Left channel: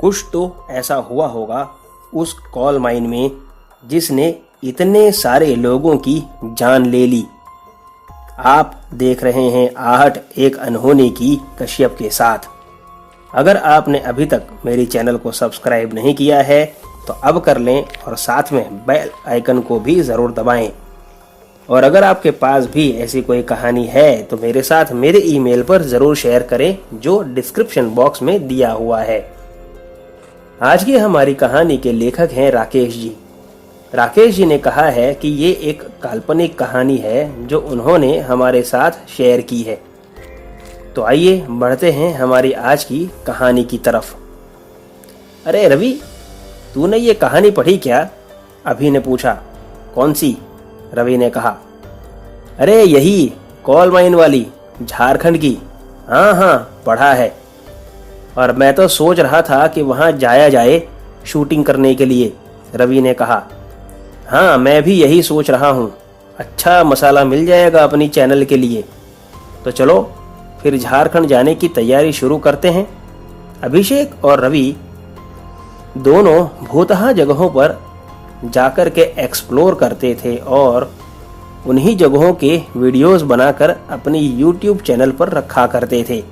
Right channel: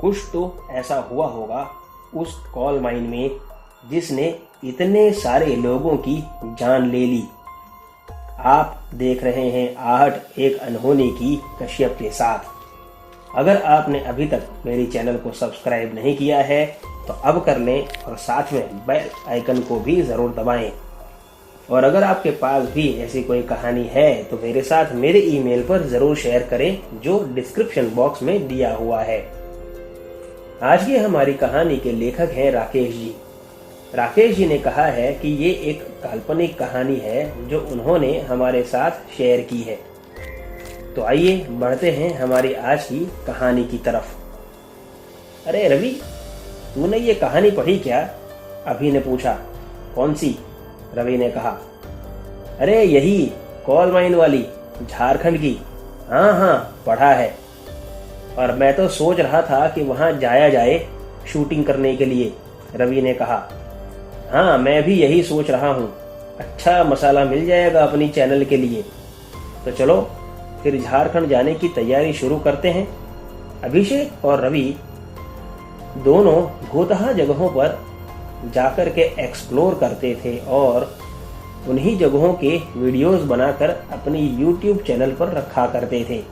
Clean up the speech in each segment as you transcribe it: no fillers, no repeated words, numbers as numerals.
कुछ तो ऐसा हुआ होगा उस कॉल माइन में जिसने इतने सारे लोगों की जान ले ली। आप देख रहे हैं आहट एक अनहोनी की कश्यप के साथ। अगर आपने अभी तक मेरी चैनल को सब्सक्राइब नहीं किया है तो अब कर लें और साथ में बेल आइकन को भी ज़रूर दबाएं। और अगर आपके पास भी ऐसी कोई कहानी है तो मेरे साथ मेरे ईमेल पर ज़रूर शेयर करें जो डिस्क्रिप्शन बॉक्स में दिया हुआ है। आज की हमारी कहानी के लेखक हैं राकेश जी। राकेश जी ने कहा है कि ये एक काल्पनिक कहानी है जो उन्होंने हमारे साथ शेयर की है। तो आइए बढ़ते हैं हमारी आज की कहानी की तरफ। अरे रवि, तूने ये कहानी पढ़ी क्या? अभी ने पूछा। कौन सी? रवि ने कहा। अरे यही कॉल माइन वाली, झारखंड की। हाँ हाँ, पढ़ा है। और मैं तो सोच रहा था कि वहाँ जाया जाए शूटिंग करने के लिए, रवि ने कहा। हाँ, मैं भी यही सोच रहा हूँ। अच्छा मसाला मिल जाएगा अपनी चैनल के लिए। तो चलो फिर झारखंड जाने की तैयारी शुरू करते हैं। अभिषेक और रवि दोनों भूतहा जगहों पर जाकर के एक्सप्लोर करते थे और उन्हीं जगहों के वीडियोस बनाकर अपनी यूट्यूब चैनल पर रखा करते थे।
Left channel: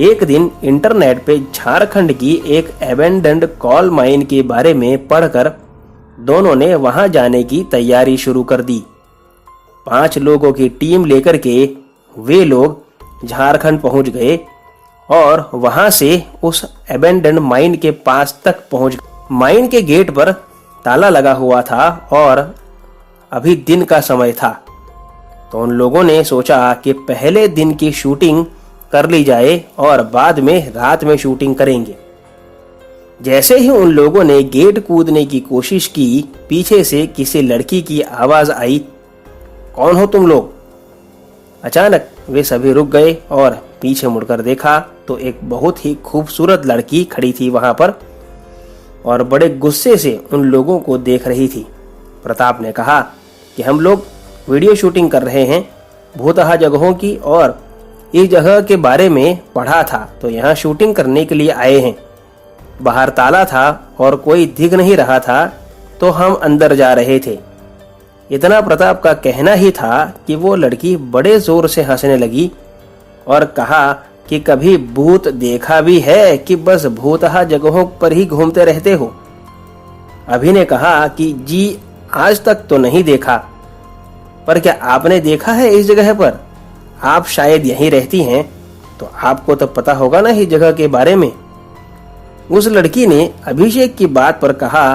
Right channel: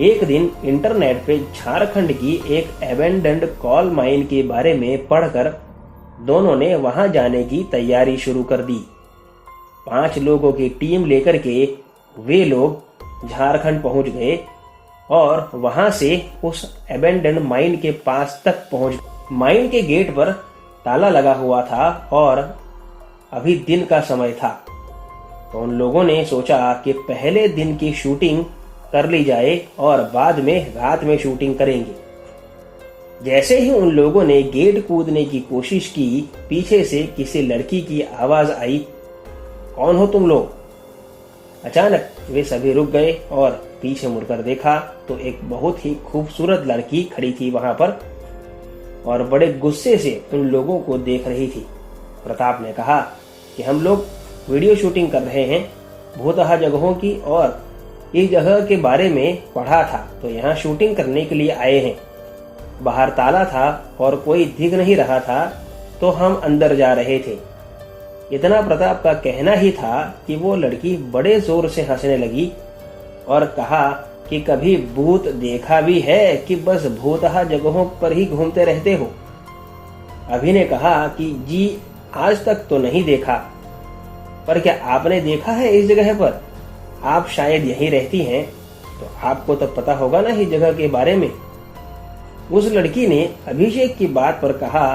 एक दिन इंटरनेट पे झारखंड की एक एबेंडन्ड कॉल माइन के बारे में पढ़कर दोनों ने वहां जाने की तैयारी शुरू कर दी। 5 लोगों की टीम लेकर के वे लोग झारखंड पहुंच गए और वहां से उस एबेंडन्ड माइन के पास तक पहुंच गए। माइन के गेट पर ताला लगा हुआ था और अभी दिन का समय था। तो उन लोगों ने सोचा कि पहले दिन की शूटिंग कर ली जाए और बाद में रात में शूटिंग करेंगे। जैसे ही उन लोगों ने गेट कूदने की कोशिश की, पीछे से किसी लड़की की आवाज आई, कौन हो तुम लोग? अचानक वे सभी रुक गए और पीछे मुड़कर देखा तो एक बहुत ही खूबसूरत लड़की खड़ी थी वहां पर और बड़े गुस्से से उन लोगों को देख रही थी। प्रताप ने कहा कि हम लोग वीडियो शूटिंग कर रहे हैं भूतहा जगहों की और इस जगह के बारे में पढ़ा था तो यहाँ शूटिंग करने के लिए आए हैं। बाहर ताला था और कोई दिख नहीं रहा था तो हम अंदर जा रहे थे। इतना प्रताप का कहना ही था कि वो लड़की बड़े जोर से हंसने लगी और कहा कि कभी भूत देखा भी है कि बस भूतहा जगहों पर ही घूमते रहते हो? अभी ने कहा कि जी आज तक तो नहीं देखा, पर क्या आपने देखा है इस जगह पर? आप शायद यहीं रहती हैं तो आपको तो पता होगा ना इस जगह के बारे में। उस लड़की ने अभिषेक की बात पर कहा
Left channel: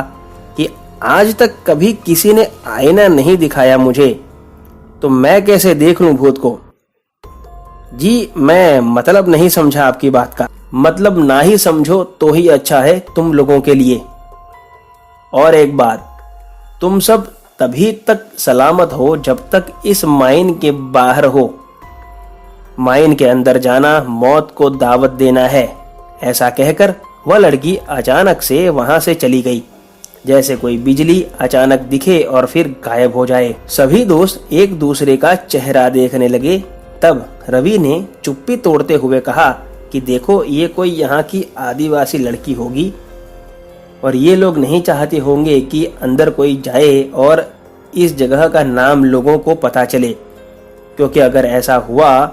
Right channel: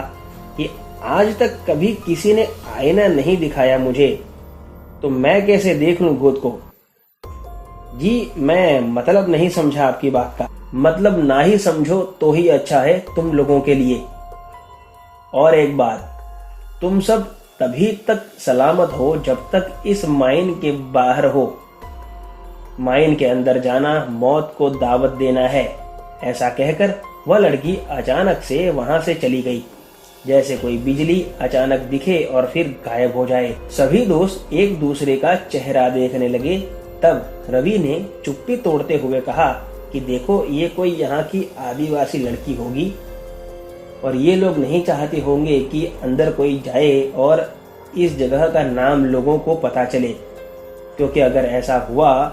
कि आज तक कभी किसी ने आईना नहीं दिखाया मुझे, तो मैं कैसे देख लूं भूत को? जी मैं मतलब नहीं समझा आपकी बात का। मतलब ना ही समझो तो ही अच्छा है तुम लोगों के लिए। और एक बात, तुम सब तभी तक सलामत हो जब तक इस माइन के बाहर हो। माइन के अंदर जाना मौत को दावत देना है। ऐसा कहकर वह लड़की अचानक से वहां से चली गई, जैसे कोई बिजली अचानक दिखे और फिर गायब हो जाए। सभी दोस्त एक दूसरे का चेहरा देखने लगे। तब रवि ने चुप्पी तोड़ते हुए कहा कि देखो, ये कोई यहाँ की आदिवासी लड़की होगी और ये लोग नहीं चाहते होंगे कि अंदर कोई जाए और इस जगह का नाम लोगों को पता चले, क्योंकि अगर ऐसा हुआ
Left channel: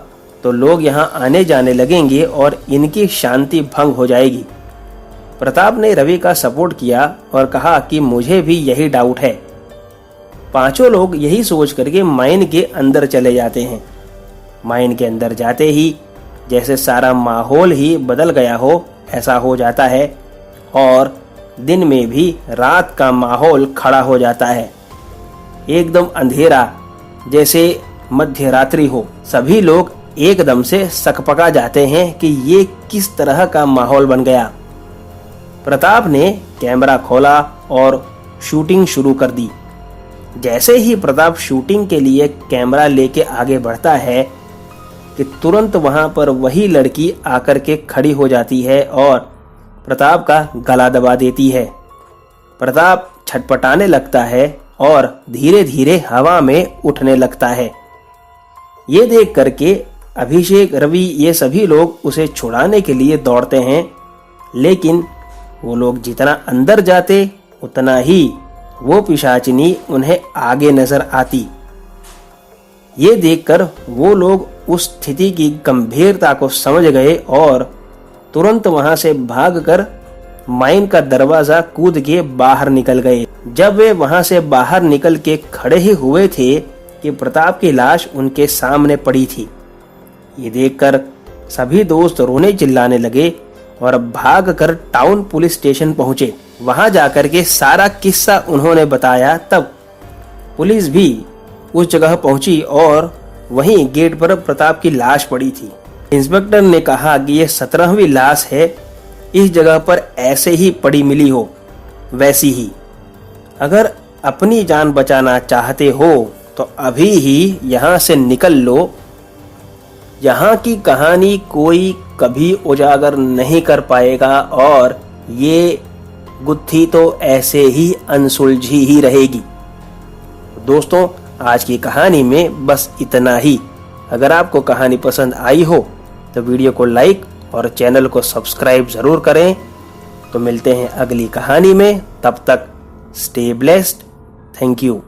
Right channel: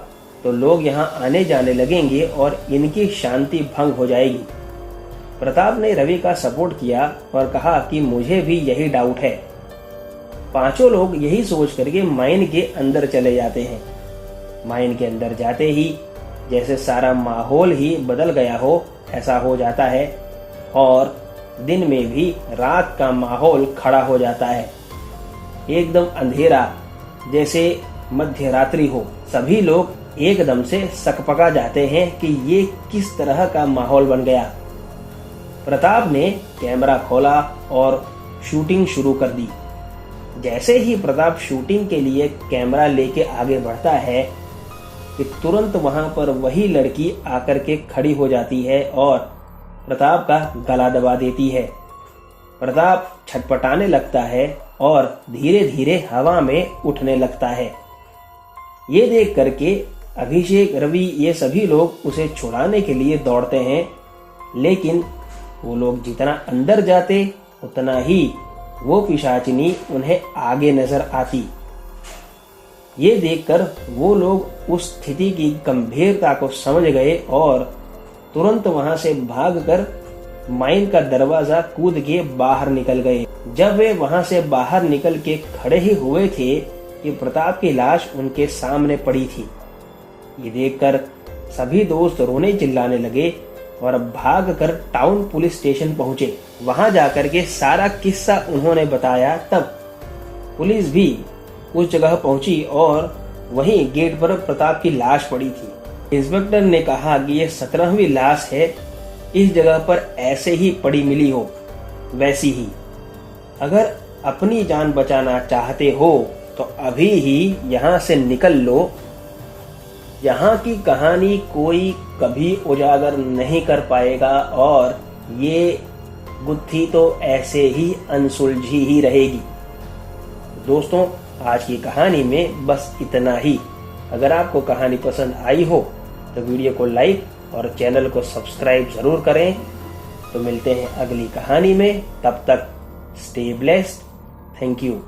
तो लोग यहाँ आने जाने लगेंगे और इनकी शांति भंग हो जाएगी। प्रताप ने रवि का सपोर्ट किया और कहा कि मुझे भी यही डाउट है। 5 लोग यही सोच करके माइन के अंदर चले जाते हैं। माइन के अंदर जाते ही जैसे सारा माहौल ही बदल गया हो ऐसा हो जाता है और दिन में भी रात का माहौल खड़ा हो जाता है। एकदम अंधेरा, जैसे मध्य रात्रि हो। सभी लोग एकदम से सकपका जाते हैं कि ये किस तरह का माहौल बन गया। प्रताप ने कैमरा खोला और शूटिंग शुरू कर दी। जैसे ही प्रताप शूटिंग के लिए कैमरा लेके आगे बढ़ता है कि तुरंत वहां पर वही लड़की आकर के खड़ी हो जाती है और प्रताप का गला दबा देती है। प्रताप छटपटाने लगता है और धीरे धीरे हवा में उठने लगता है। ये देख करके अभिषेक, रवि ये सभी लोग उसे छुड़ाने के लिए दौड़ते हैं, लेकिन वो लोग जितना अंदर जाते उतना ही वो पिशाचिनी उन्हें आगे नजर आती। ये देखकर वो लोग उस स्थिति की गंभीरता को समझ गए और तुरंत वहां से भागकर माइन का दरवाजा कूद के बाहर निकल गए। जब वे वहां से बाहर निकल के खड़े ही हुए थे कि प्रताप की लाश उनके सामने पड़ी थी। ये देखकर सभी दोस्त रोने चिल्लाने लगे और भागकर टाउन पुलिस स्टेशन पहुंचे। वहां जाकर के सारा किस्सा उन्होंने बताया। तब पुलिस भी उस जगह पहुंची और वहीं गेट पर प्रताप की लाश पड़ी थी। इंस्पेक्टर ने कहा कि ये 17वीं लाश है, इस जगह पर ऐसे ही पड़ी मिली हो वैसी ही। अगर अपनी जान बचाना चाहते हो तो अभी ही यहाँ से निकल लो। यहाँ की कहानी कोई कभी उजागर नहीं कर पाएगा और ये गुत्थी तो ऐसे ही अनसुलझी ही रहेगी। दोस्तों, आज की कहानी में बस इतना ही। अगर आपको कहानी पसंद आई हो तो वीडियो को लाइक और चैनल को सब्सक्राइब जरूर करें। तो मिलते हैं अगली कहानी में, तब तक स्टे ब्लेस्ड। Thank you.